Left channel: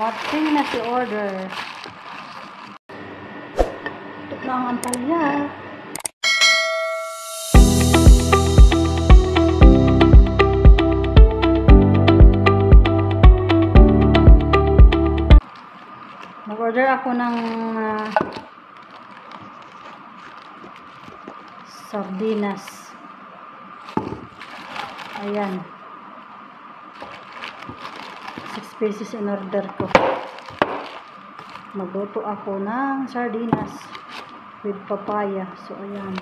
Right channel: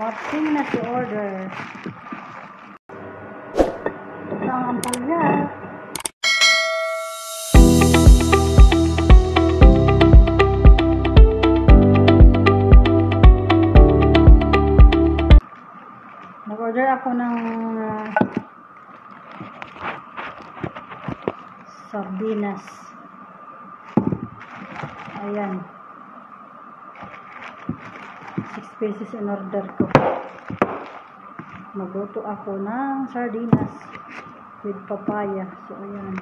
Mating na si order. Ito ang ampalaya. Nag-order ako ng sardinas. Ayan. 6 pieces in order ko. Magluto ako ng sardinas with papaya. So, ayan.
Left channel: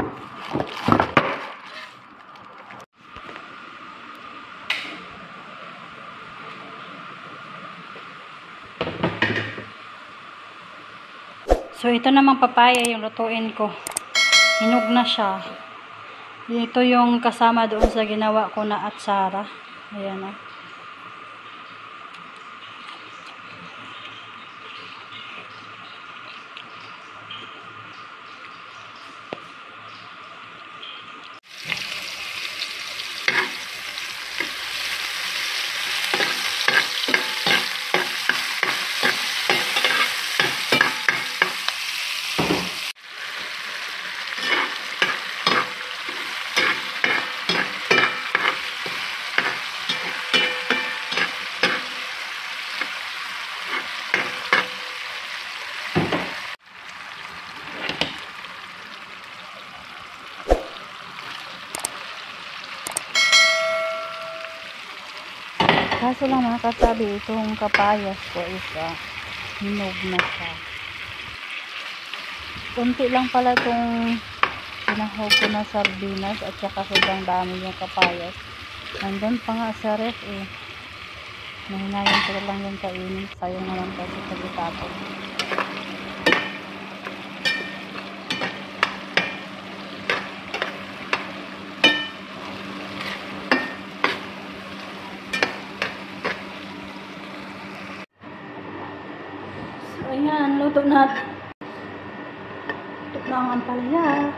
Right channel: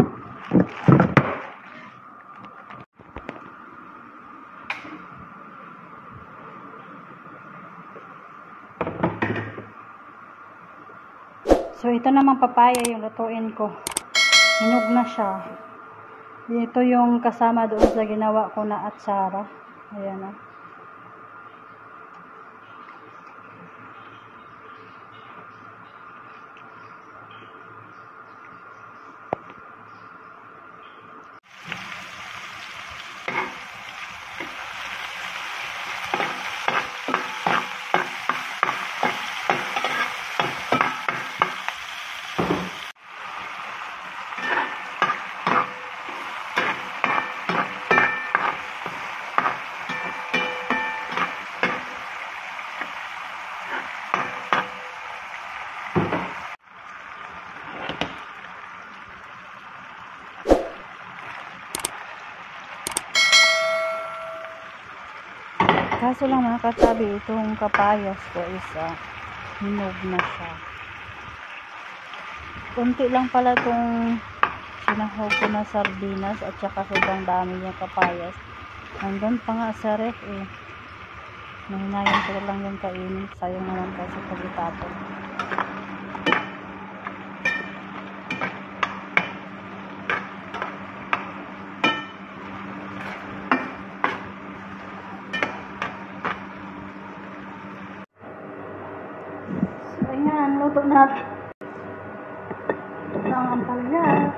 So, ito namang papaya yung lutuin ko. Hinog na siya. Ito yung kasama doon sa ginawa ko na atsara. Ayan na. Kaso lang mga kasabi, itong kapayas ko is hinog na siya. Kunti lang pala itong sinahog ko na sardinas at saka sobrang dami yung kapayas. Nandun pa nga sa ref eh. Nahinayan ko lang yung kainin. Sayang naman kasi pag-itapon. Ayan, luto na. Ito na ang ampalaya.